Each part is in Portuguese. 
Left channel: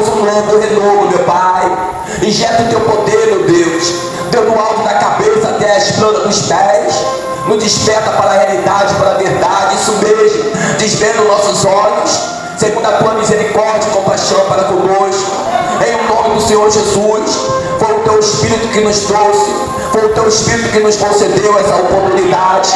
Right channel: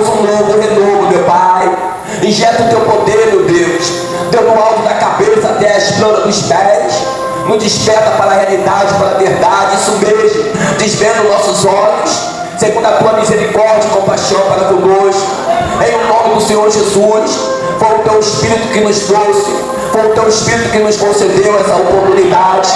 Deus, um novo renovo, meu Pai. Injeta o teu poder, meu Deus, Deus, no alto da cabeça até as plantas dos pés. Nos desperta para a realidade, para a verdade, isso mesmo, desvenda nossos olhos, segundo a tua misericórdia e compaixão para conosco, em o nome do Senhor Jesus. Foi o teu Espírito que nos trouxe, foi o teu Espírito que nos concedeu essa oportunidade,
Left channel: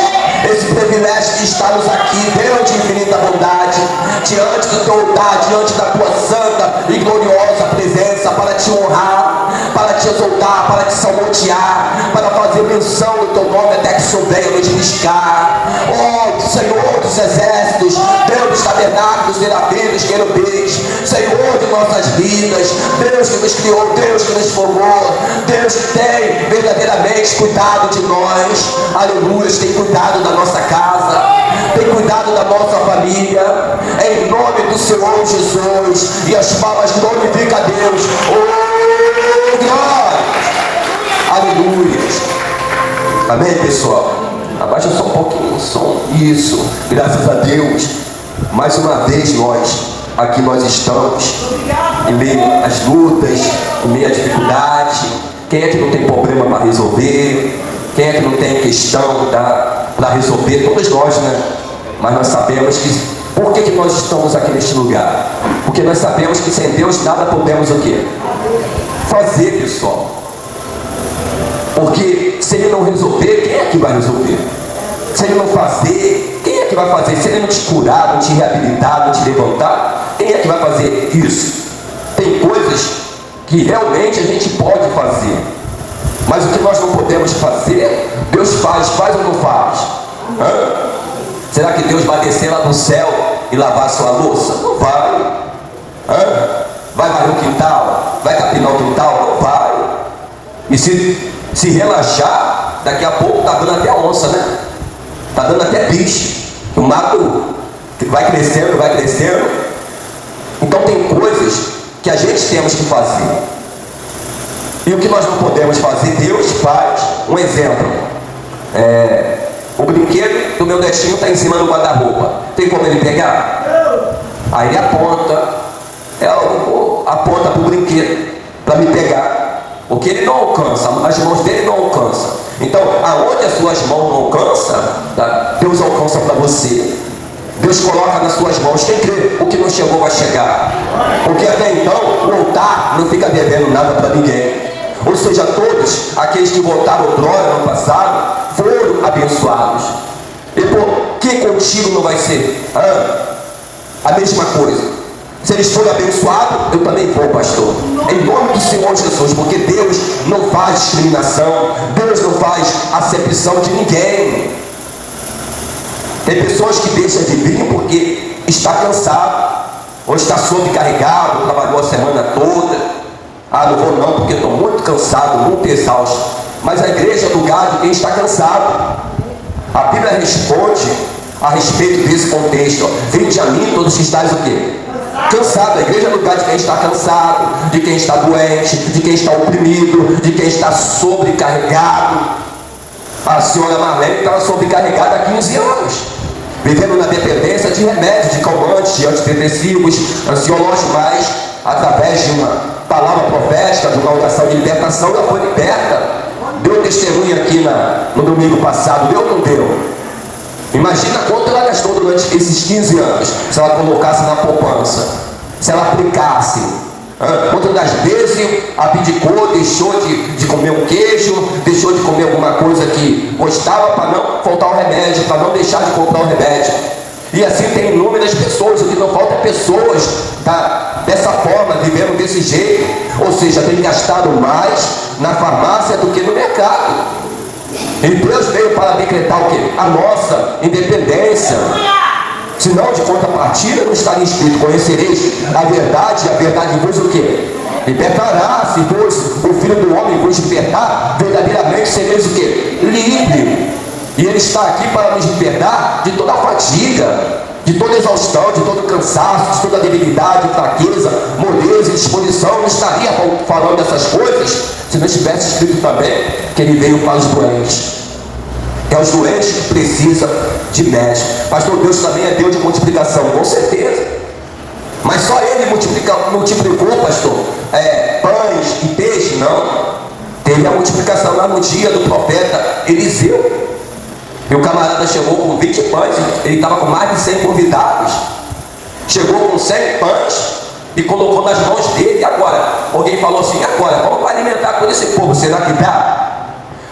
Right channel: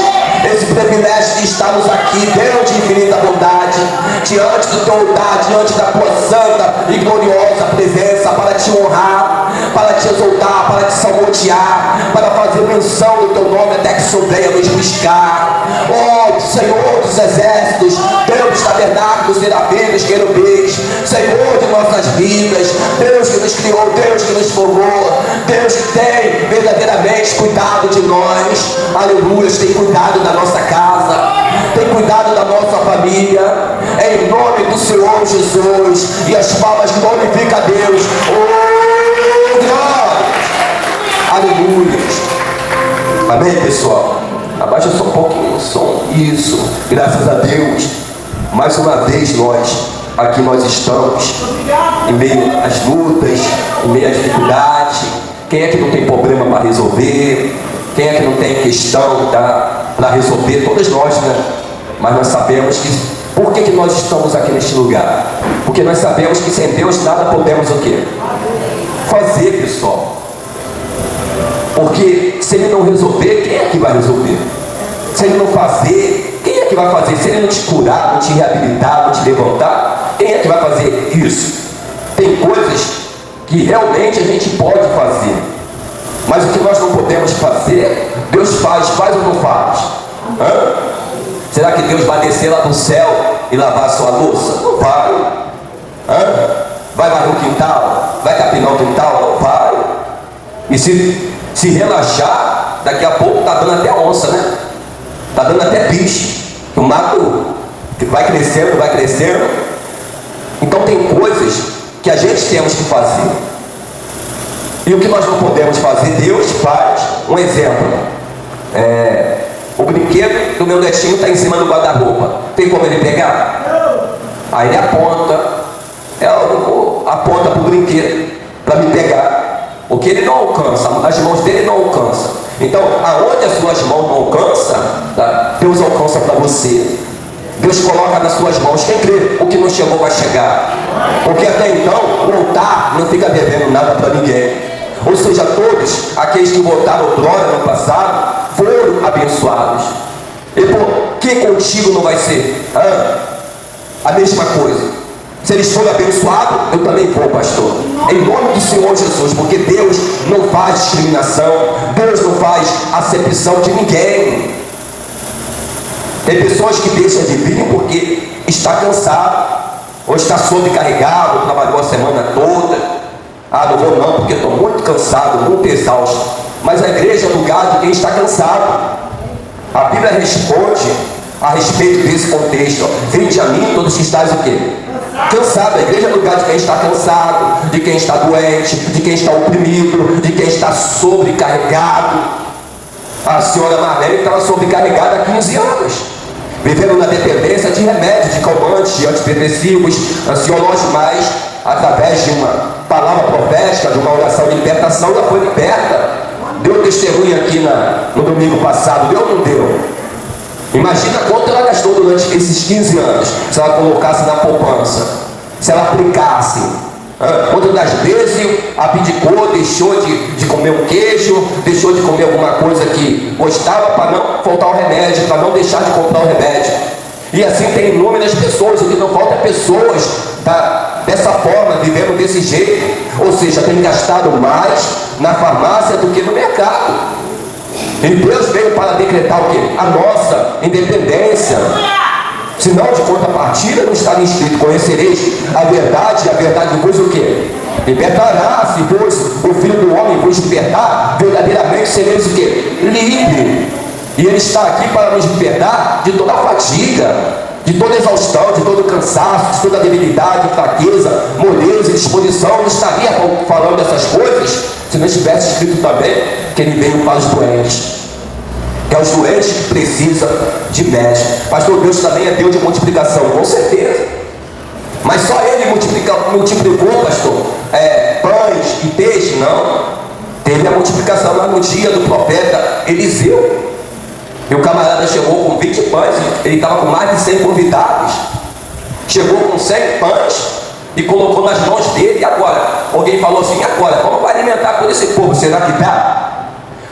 esse privilégio de estarmos aqui, Deus de infinita bondade, diante do teu altar, diante da tua santa e gloriosa presença, para te honrar, para te exaltar, para te salmodiar, para fazer menção do teu nome até que souber nos buscar. Oh, Senhor dos exércitos, Deus dos tabernáculos, serafins, querubins, Senhor de nossas vidas, Deus que nos criou, Deus que nos formou, Deus que tem verdadeiramente cuidado de nós, aleluia, tem cuidado da nossa casa, tem cuidado da nossa família, em nome do Senhor Jesus, e as palmas glorificam a Deus. Oh, glória! Aleluia! Amém, pessoal? Abaixa só um pouquinho o som. Isso, graças a Deus, mais uma vez aqui nós estamos, em meio às lutas, em meio à dificuldade. Quem é que não tem problema para resolver? Quem é que não tem questão para resolver? Todos nós, né? Mas nós sabemos que, por que nós estamos aqui neste lugar? Porque nós sabemos que sem Deus nada podemos o quê? Fazer, pessoal. Porque se Ele não resolver, quem é que vai resolver? Se Ele não fazer, quem é que vai fazer? Se Ele não te curar, não te reabilitar, não te levantar, quem é que vai fazer isso? Tem coisas que realmente a gente pode fazer, mas o que nós não podemos fazer, Deus faz ou não faz? Será que Deus vai descer lá do céu e lavar a sua louça? Não vai. Vai varrer o quintal? Vai capinar o quintal? Não vai. E se relaxar, daqui a pouco está dando até onça, né? Está dando até bicho. O mato vai crescendo, vai crescendo. Então tem coisas que a gente temos que fazer. E o que nós não podemos fazer, Deus faz. Um exemplo. O brinquedo do meu netinho está em cima do guarda-roupa. Tem como ele pegar? Aí ele aponta para o brinquedo para me pegar. Porque ele não alcança, as mãos dele não alcançam. Então, aonde as suas mãos não alcançam, Deus alcança para você. Deus coloca nas suas mãos. Quem crê, o que não chegou vai chegar. Porque até então, o altar não fica devendo nada para ninguém. Ou seja, todos aqueles que votaram droga no passado foram abençoados. E por que contigo não vai ser? A mesma coisa. Se eles forem abençoados, eu também vou, pastor. Em nome do Senhor Jesus, porque Deus não faz discriminação, Deus não faz acepção de ninguém. Tem pessoas que deixam de vir porque está cansado, ou está sobrecarregado, trabalhou a semana toda. Não vou não, porque estou muito cansado, muito exausto. Mas a igreja é o lugar de quem está cansado. A Bíblia responde a respeito desse contexto. Vinde a mim todos que estáis o quê? Cansado. A igreja é o lugar de quem está cansado, de quem está doente, de quem está oprimido, de quem está sobrecarregado. A senhora Marlene estava sobrecarregada há 15 anos, vivendo na dependência de remédios, de calmantes, de antidepressivos, ansiológicos, mas através de uma palavra profética, de uma oração de libertação, ela foi liberta. Deu testemunho aqui no domingo passado, deu ou não deu? Imagina quanto ela gastou durante esses 15 anos, se ela colocasse na poupança, se ela aplicasse. Quantas das vezes abdicou, deixou de comer um queijo, deixou de comer alguma coisa que gostava para não faltar o remédio, para não deixar de comprar o remédio. E assim tem inúmeras pessoas, o que não falta é pessoas dessa forma, vivendo desse jeito, ou seja, tem gastado mais na farmácia do que no mercado. E Deus veio para decretar o quê? A nossa independência. Senão, de contrapartida, não está escrito: conhecereis a verdade vos o quê? Libertará. Se vos o Filho do Homem vos libertar, verdadeiramente sereis o quê? Livre. E Ele está aqui para nos libertar de toda a fadiga, de toda exaustão, de todo cansaço, de toda debilidade, fraqueza, moleza, disposição. Não estaria falando dessas coisas se não estivesse escrito também que Ele veio para os doentes. Que é os doentes que precisam de médico. Pastor, Deus também é Deus de multiplicação, com certeza. Mas só Ele ele multiplicou, pastor, pães e peixe? Não. Teve a multiplicação lá no dia do profeta Eliseu. E o camarada chegou com 20 pães, ele estava com mais de 100 convidados. Chegou com 100 pães e colocou nas mãos dele. E agora? Alguém falou assim: agora, vamos alimentar todo esse povo, será que dá?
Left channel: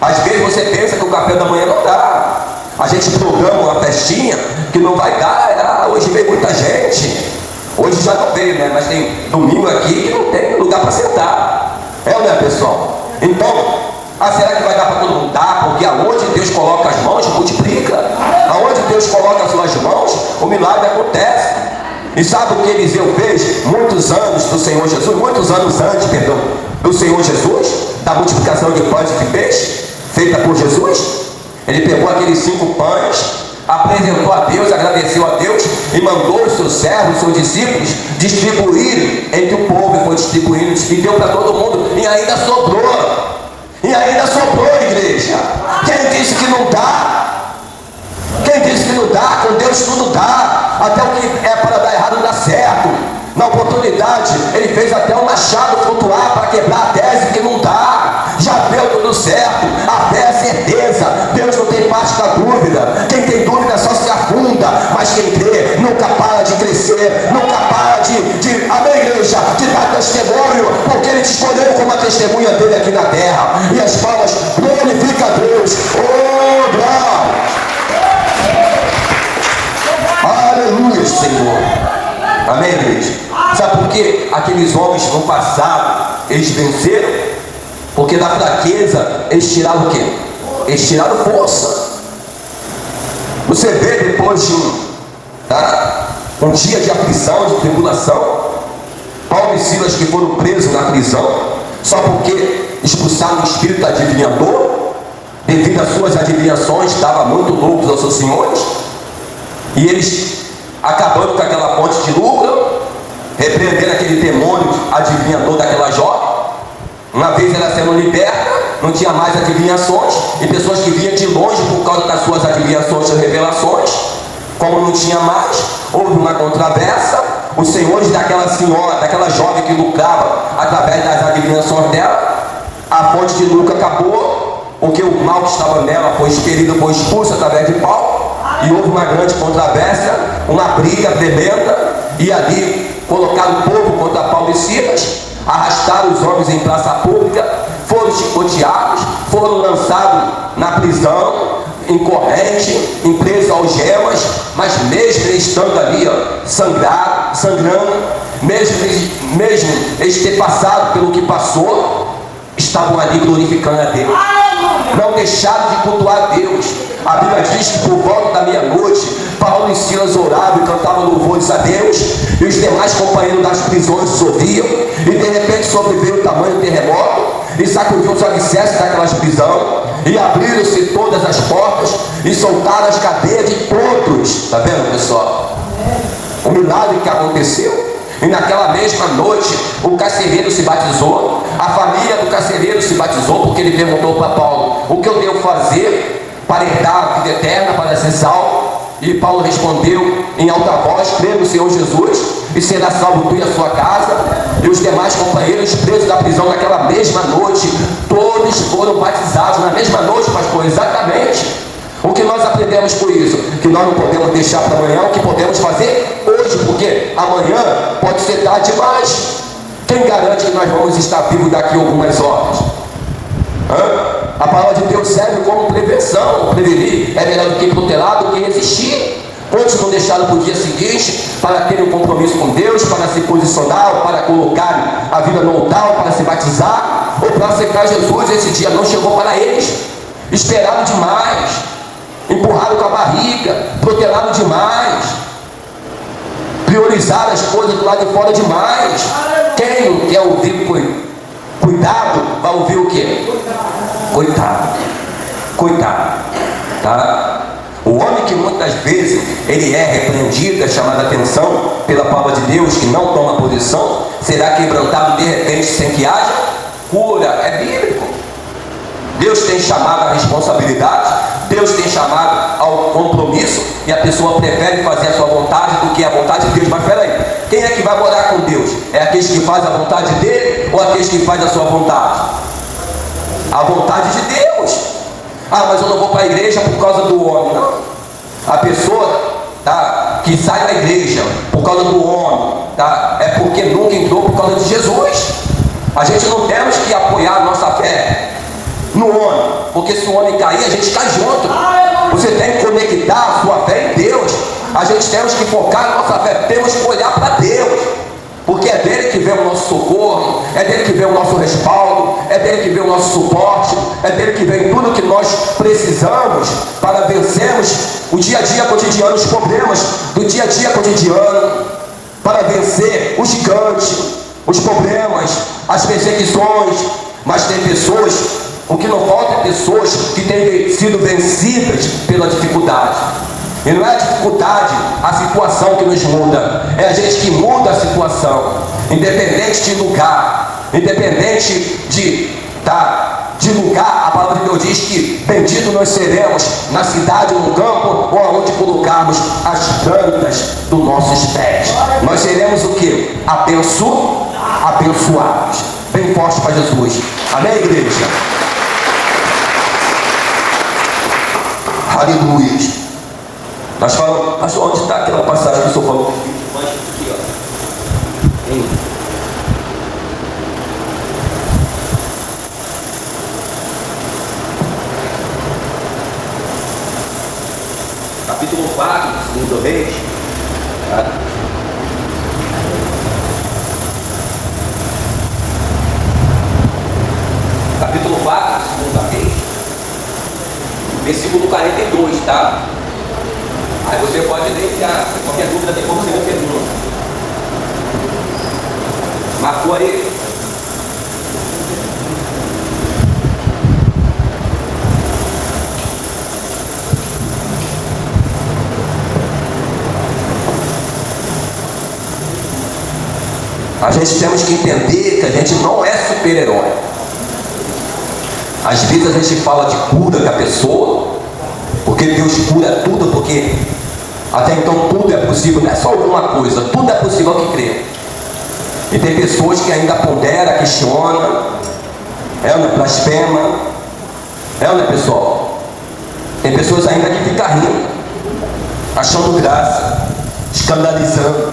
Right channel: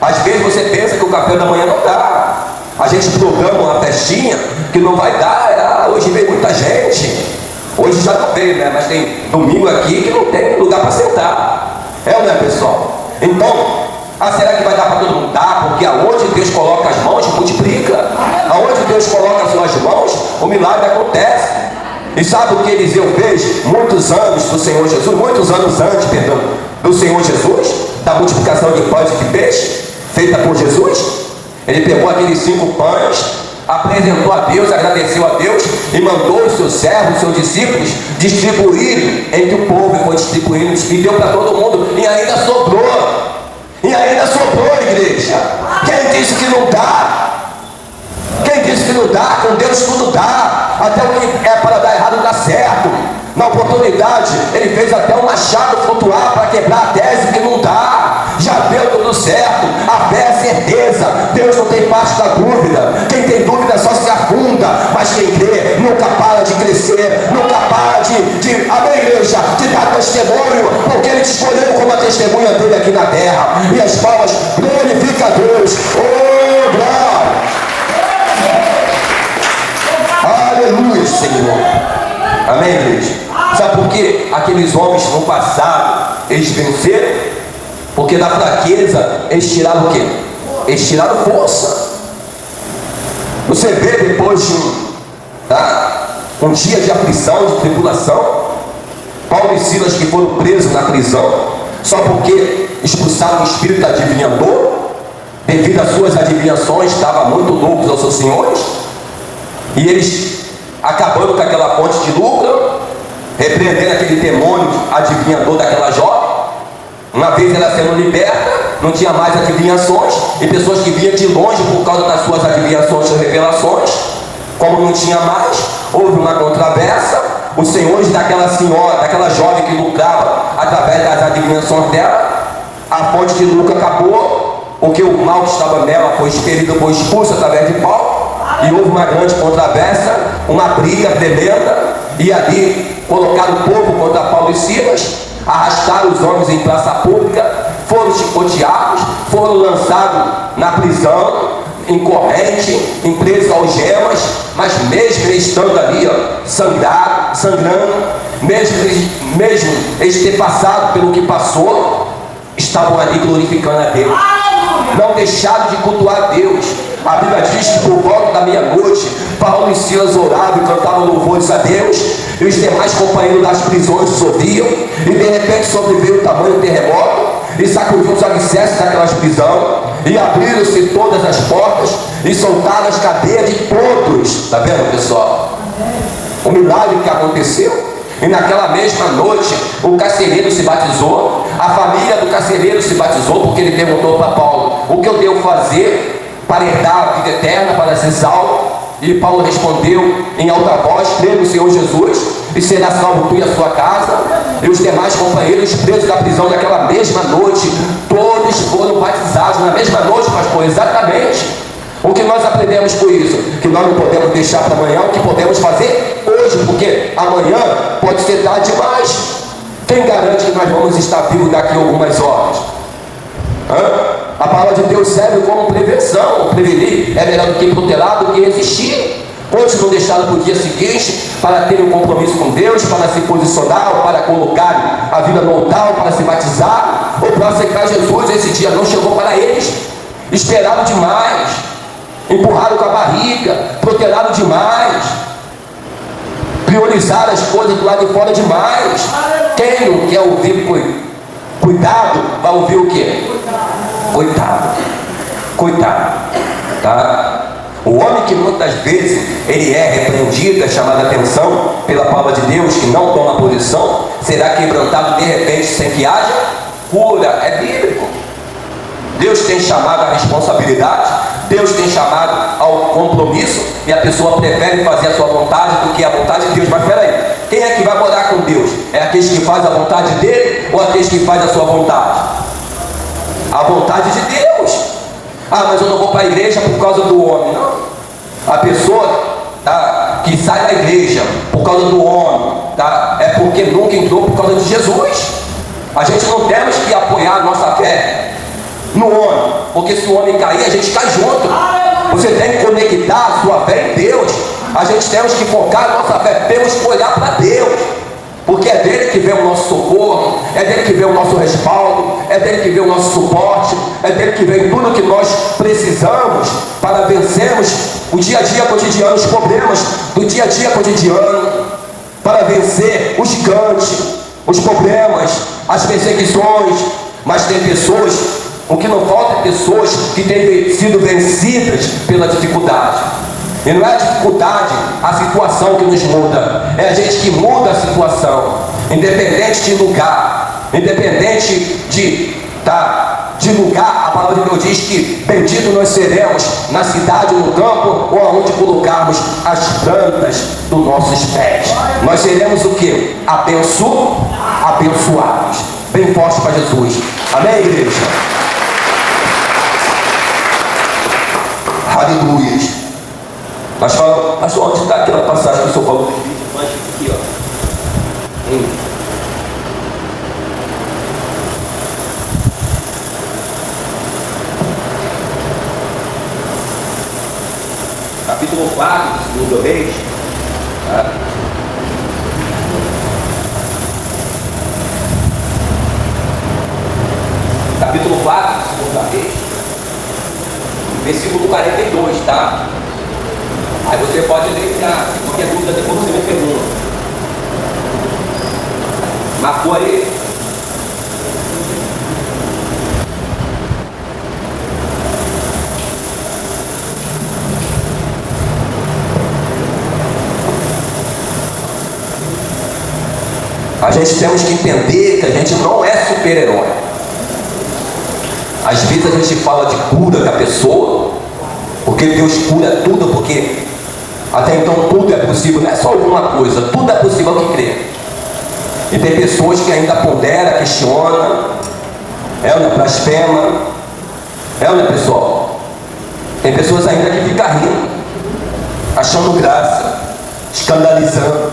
Às vezes você pensa que o café da manhã não dá. A gente programa uma festinha que não vai dar. Hoje veio muita gente. Hoje já não veio, né? Mas tem domingo aqui que não tem lugar para sentar. É ou não é, pessoal? Então, será que vai dar para todo mundo? Dá, porque aonde Deus coloca as mãos, multiplica. Aonde Deus coloca as suas mãos, o milagre acontece. E sabe o que Eliseu fez? Muitos anos do Senhor Jesus, muitos anos antes, perdão, do Senhor Jesus, da multiplicação de pães e de peixe, feita por Jesus. Ele pegou aqueles 5 pães, apresentou a Deus, agradeceu a Deus e mandou os seus servos, os seus discípulos distribuírem entre o povo. E foi distribuindo e deu para todo mundo, e ainda sobrou. E ainda sobrou, igreja. Quem disse que não dá? Quem disse que não dá? Com Deus tudo dá. Até o que é para dar errado dá certo. Na oportunidade, ele fez até um machado flutuar para quebrar a tese que não dá. Já deu tudo certo. A fé é certeza. Deus não tem parte da dúvida. Quem tem dúvida só se afunda. Mas quem crê nunca para de crescer, nunca para amém, igreja, de dar testemunho, porque ele te escolheu como a testemunha dele aqui na terra. E as palmas glorificam a Deus. Oh, glória! Aleluia, Senhor. Amém, igreja? Sabe por que aqueles homens no passado eles venceram? Porque da fraqueza eles tiraram o quê? Eles tiraram força. Você vê depois de um dia de aflição, de tribulação, Paulo e Silas que foram presos na prisão, só porque expulsaram o espírito adivinhador, devido às suas adivinhações, estavam muito loucos aos seus senhores, e eles acabando com aquela fonte de lucro, repreendendo aquele demônio adivinhador daquela jovem. Uma vez ela sendo liberta, não tinha mais adivinhações, e pessoas que vinham de longe por causa das suas adivinhações e revelações, como não tinha mais, houve uma controvérsia. Os senhores daquela senhora, daquela jovem que lucrava através das adivinhações dela, a fonte de lucro acabou, porque o mal que estava nela foi expelido, foi expulso através de Paulo, e houve uma grande controvérsia, uma briga tremenda, e ali colocaram o povo contra Paulo e Silas, arrastaram os homens em praça pública, foram chicoteados, foram lançados na prisão, em corrente, em preso algemas, mas mesmo eles estando ali, sangrando, mesmo eles ter passado pelo que passou, estavam ali glorificando a Deus. Não deixaram de cultuar a Deus. A Bíblia diz que por volta da meia-noite, Paulo e Silas oravam e cantavam louvores a Deus, e os demais companheiros das prisões os ouviam, e de repente sobreveio o tamanho do terremoto, e sacudiu os alicerces daquelas prisões, e abriram-se todas as portas, e soltaram as cadeias de todos. Está vendo, pessoal? O milagre que aconteceu. E naquela mesma noite, o carcereiro se batizou, a família do carcereiro se batizou, porque ele perguntou para Paulo: o que eu devo fazer para herdar a vida eterna, para ser salvo? E Paulo respondeu em alta voz: crê no Senhor Jesus e será salvo tu e a sua casa. E os demais companheiros presos da prisão naquela mesma noite, todos foram batizados na mesma noite, pastor, exatamente. O que nós aprendemos com isso? Que nós não podemos deixar para amanhã o que podemos fazer hoje, porque amanhã pode ser tarde demais. Quem garante que nós vamos estar vivos daqui a algumas horas? A palavra de Deus serve como prevenção. Prevenir é melhor do que protelar, do que resistir. Hoje não deixaram para o dia seguinte, para ter um compromisso com Deus, para se posicionar, ou para colocar a vida no altar, para se batizar, ou para aceitar Jesus. Esse dia não chegou para eles. Esperaram demais, empurraram com a barriga, protelaram demais, priorizaram as coisas do lado de fora demais. Quem não quer ouvir cuidado, vai ouvir o quê? Coitado, tá? O homem que muitas vezes ele é repreendido, é chamado a atenção pela palavra de Deus, que não toma posição, será quebrantado de repente sem que haja cura. É bíblico. Deus tem chamado a responsabilidade, Deus tem chamado ao compromisso, e a pessoa prefere fazer a sua vontade do que a vontade de Deus. Mas peraí, Quem é que vai morar com Deus? É aqueles que fazem a vontade dele ou aqueles que fazem a sua vontade? A vontade de Deus. Ah, mas eu não vou para a igreja por causa do homem. Não. A pessoa que sai da igreja por causa do homem, é porque nunca entrou por causa de Jesus. A gente não temos que apoiar a nossa fé no homem, porque se o homem cair, a gente cai junto. Você tem que conectar a sua fé em Deus. A gente temos que focar na nossa fé, temos que olhar para Deus, porque é dele que vem o nosso socorro, é dele que vem o nosso respaldo, é dele que vem o nosso suporte, é dele que vem tudo que nós precisamos para vencermos o dia a dia cotidiano, os problemas do dia a dia cotidiano, para vencer os gigantes, os problemas, as perseguições. Mas tem pessoas, o que não falta é pessoas que têm sido vencidas pela dificuldade. E não é a dificuldade, a situação que nos muda, é a gente que muda a situação, independente de lugar, independente de lugar. A palavra de Deus diz que bendito nós seremos na cidade ou no campo, ou aonde colocarmos as plantas dos nossos pés. Nós seremos o que? Abençoados. Bem forte para Jesus. Amém, igreja? Aleluia. Nós falamos, mas onde está aquela passagem que o senhor falou? Mas aqui, ó. Capítulo 4, segundo Reis. Capítulo 4, segunda Reis. Versículo 42, tá? Aí você pode deixar qualquer dúvida, depois você me pergunta. Marcou aí? A gente temos que entender que a gente não é super-herói. Às vezes a gente fala de cura da pessoa, porque Deus cura tudo, porque até então tudo é possível, não é só alguma coisa, tudo é possível que crê. E tem pessoas que ainda ponderam, questionam, blasfema, pessoal? Tem pessoas ainda que ficam rindo, achando graça, escandalizando.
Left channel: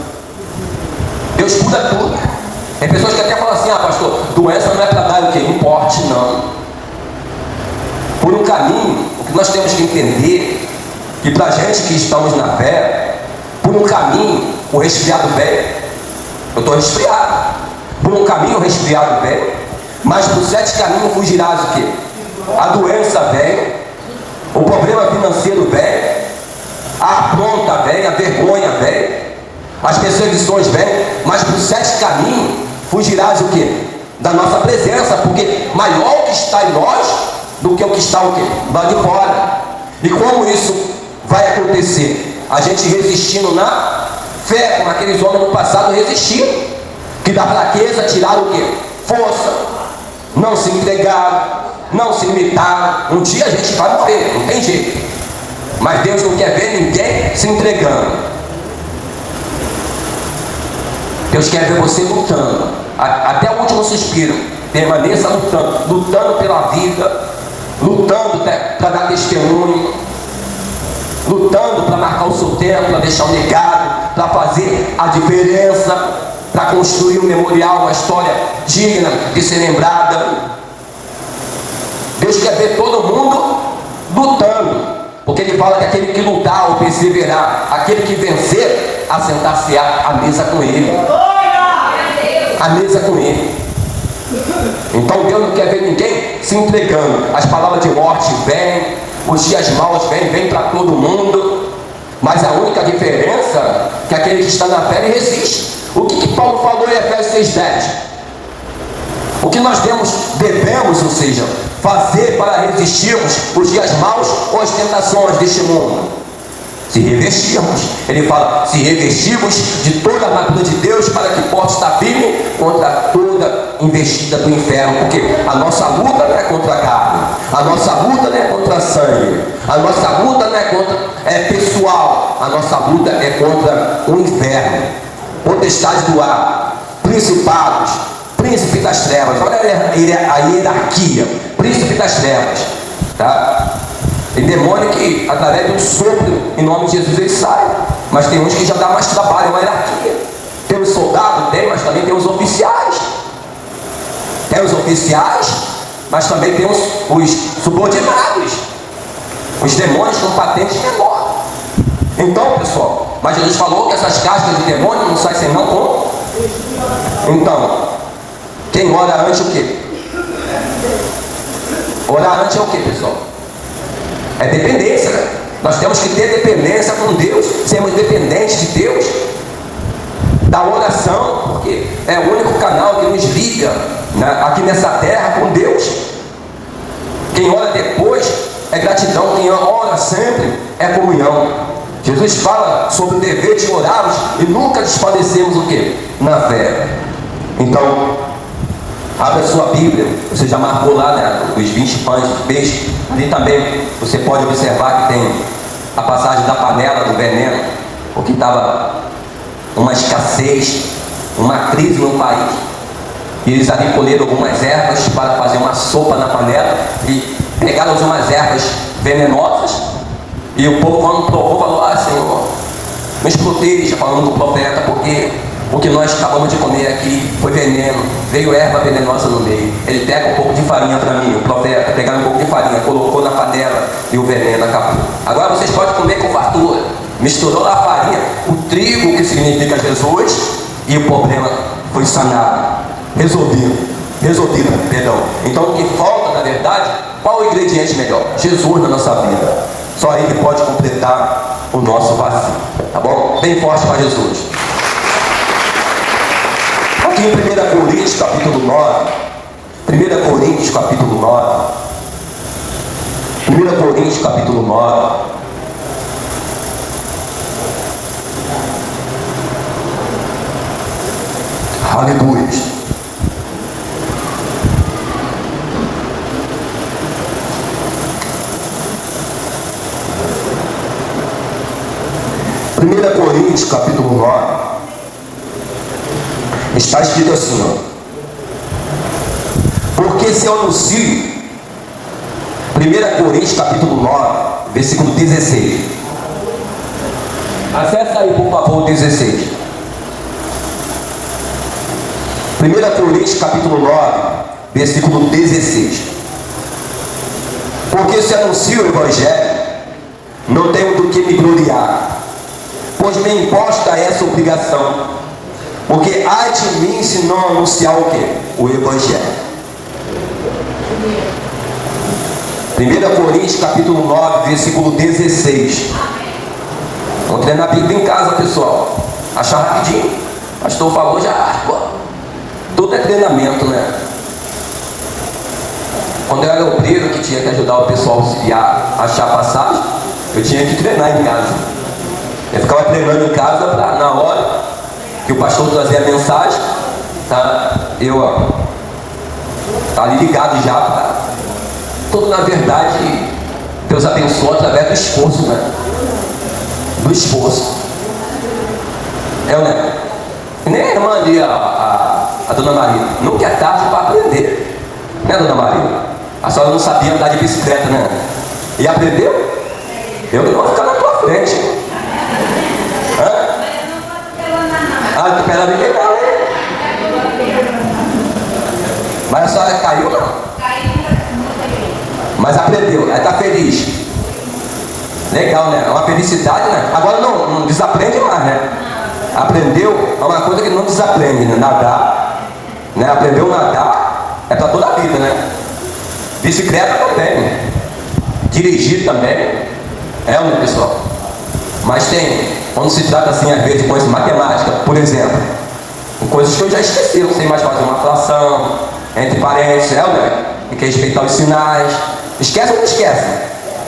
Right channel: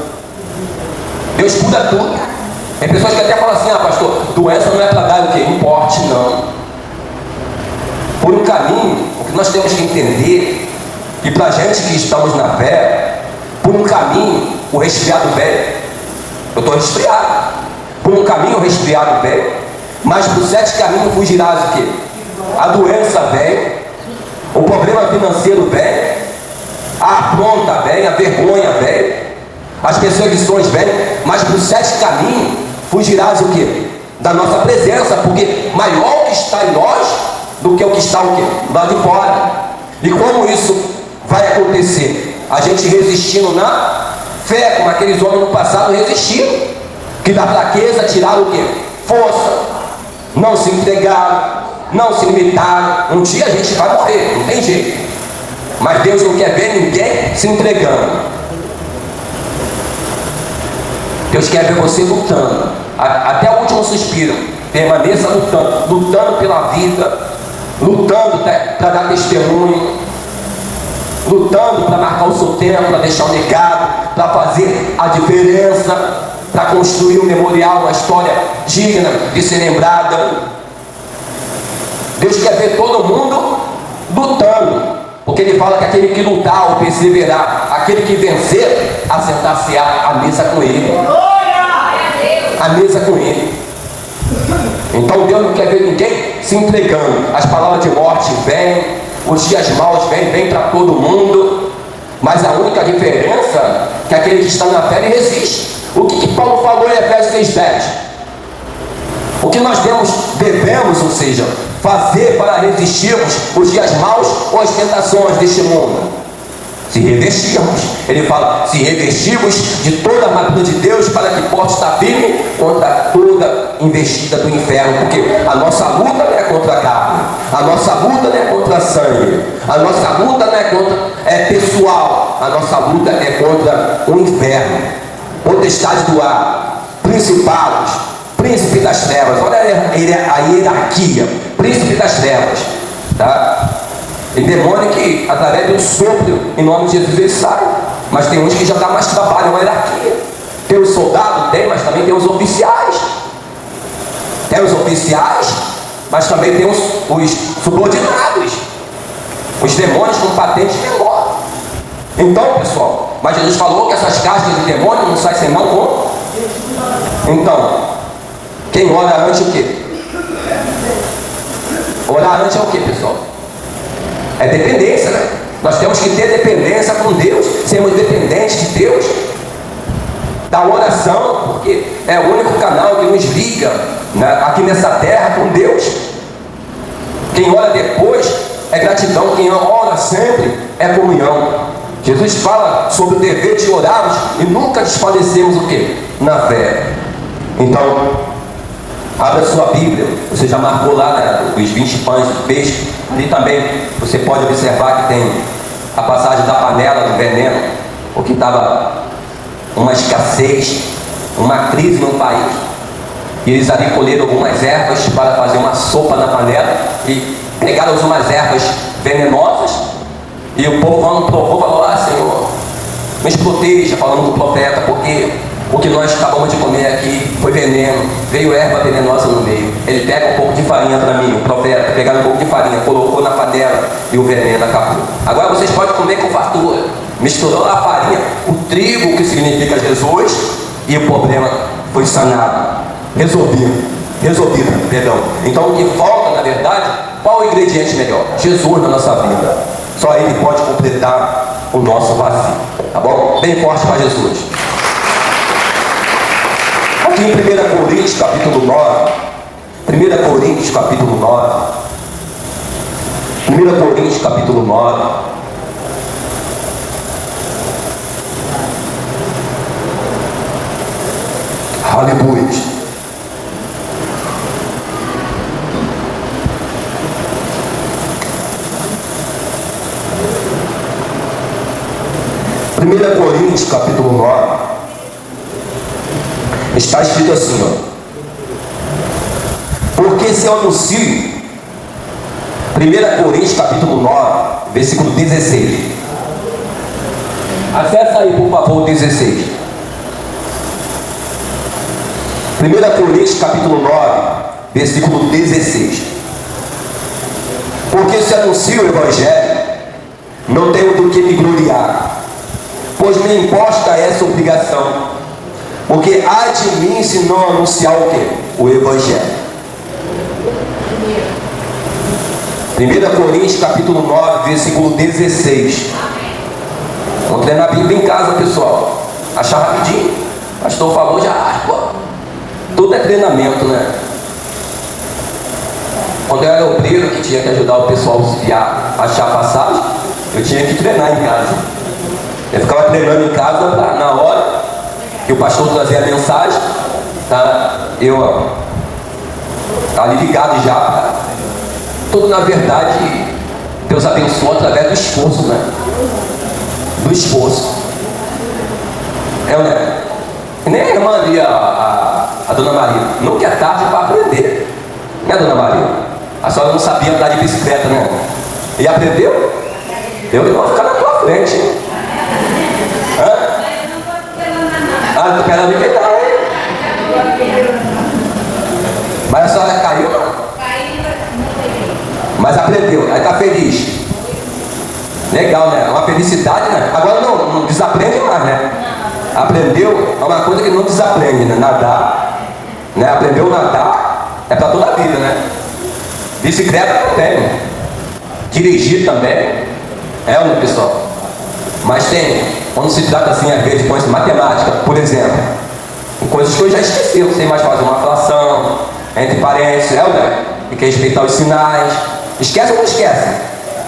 Deus cura tudo. Tem pessoas que até falam assim, pastor, doença não é para dar o quê? Um porte, não. Por um caminho, o que nós temos que entender, que para a gente que estamos na fé, por um caminho, o resfriado vem. Eu estou resfriado. Por um caminho, o resfriado vem. Mas por 7 caminhos fugirás o quê? A doença vem, o problema financeiro vem, a afronta vem, a vergonha vem, as perseguições vêm, mas por 7 caminhos fugirás o quê? Da nossa presença, porque maior o que está em nós do que o que está o quê? Lá de fora. E como isso vai acontecer? A gente resistindo na fé, como aqueles homens no passado resistiram, que da fraqueza tiraram o quê? Força, não se entregaram, não se limitaram. Um dia a gente vai morrer, não tem jeito, mas Deus não quer ver ninguém se entregando. Deus quer ver você lutando, até o último suspiro. Permaneça lutando pela vida, lutando para dar testemunho, lutando para marcar o seu tempo, para deixar um legado, para fazer a diferença, para construir um memorial, uma história digna de ser lembrada. Deus quer ver todo mundo lutando, porque Ele fala que aquele que lutar ou perseverar, aquele que vencer, assentar-se-á à mesa com Ele. A mesa com Ele. Então Deus não quer ver ninguém se entregando. As palavras de morte vêm, os dias maus vêm para todo mundo, mas a única diferença é que aquele que está na fé ele resiste. O que Paulo falou em Efésios 6:10? O que nós devemos, ou seja, fazer para resistirmos os dias maus ou as tentações deste mundo? Se revestirmos. Ele fala, se revestirmos de toda a armadura de Deus para que possa estar firme contra toda investida do inferno, porque a nossa luta não é contra a carne, a nossa luta não é contra sangue, a nossa luta não é contra pessoal, a nossa luta é contra o inferno. potestade do ar, principados, príncipe das trevas. Olha a hierarquia, príncipe das trevas, tá? E demônio que através de um sopro em nome de Jesus ele sai, mas tem uns que já dá mais trabalho, é uma hierarquia. Tem os soldados, tem, mas também tem os oficiais. Tem os oficiais, mas também tem os subordinados, os demônios com patente menor. Então, pessoal, mas Jesus falou que essas castas de demônio não saem senão com. Então, quem ora antes o quê? Orar antes é o quê, pessoal? É dependência, né? Nós temos que ter dependência com Deus, sermos dependentes de Deus, da oração, porque é o único canal que nos liga, né, aqui nessa terra com Deus. Quem ora depois é gratidão, quem ora sempre é comunhão. Jesus fala sobre o dever de orarmos e nunca desfalecemos o quê? Na fé. Então, abra sua Bíblia, você já marcou lá, né, os 20 pães de peixe. Ali também você pode observar que tem a passagem da panela do veneno, porque estava uma escassez, uma crise no país. E eles ali colheram algumas ervas para fazer uma sopa na panela e pegaram umas ervas venenosas. E o povo, quando provou, falou: ah, Senhor, nos proteja, falando do profeta, porque o que nós acabamos de comer aqui foi veneno, veio erva venenosa no meio. Ele pega um pouco de farinha para mim, o profeta, pegaram um pouco de farinha, colocou na panela e o veneno acabou. Agora vocês podem comer com fartura. Misturou a farinha, o trigo, que significa Jesus, e o problema foi sanado, resolvido, perdão. Então o que falta, na verdade, qual o ingrediente melhor? Jesus na nossa vida. Só Ele pode completar o nosso vazio, tá bom? Bem forte para Jesus. Aqui em 1 Coríntios capítulo 9, 1 Coríntios capítulo 9, 1 Coríntios capítulo 9, aleluia. Primeira Coríntios capítulo 9 está escrito assim, ó: porque se eu anuncio, 1 Coríntios capítulo 9, versículo 16. Acessa aí, por favor, o 16. 1 Coríntios capítulo 9, versículo 16. Porque se anuncio o Evangelho, não tenho do que me gloriar, pois me imposta essa obrigação, porque há de mim se não anunciar o quê? O Evangelho. 1 Coríntios capítulo 9, versículo 16. Vamos treinar a Bíblia em casa, pessoal. Achar rapidinho. O pastor falou já, pô. Tudo é treinamento, né? Quando eu era obreiro que tinha que ajudar o pessoal a achar a passagem, eu tinha que treinar em casa. Eu ficava treinando em casa pra, na hora que o pastor trazia a mensagem, tá? Eu ali ligado já. Tudo, na verdade, Deus abençoa através do esforço, né? Do esforço. Né? Nem a irmã ali, a dona Maria, nunca é tarde para aprender, né, dona Maria? A senhora não sabia andar de bicicleta, né? E aprendeu? Eu vou ficar na tua frente. Ah, pera ali, legal, hein? Mas a senhora caiu, não? Mas aprendeu, aí tá feliz. Legal, né? É uma felicidade, né? Agora não desaprende mais, né? Aprendeu é uma coisa que não desaprende, né? Nadar, né? Aprendeu a nadar, é para toda a vida, né? Bicicleta também, dirigir também, né, pessoal? Mas tem, quando se trata assim, às vezes, de coisas de matemática, por exemplo, coisas que eu já esqueci, não sei mais fazer uma fração, entre parênteses, né? Tem que respeitar os sinais. Esquece ou não esquece?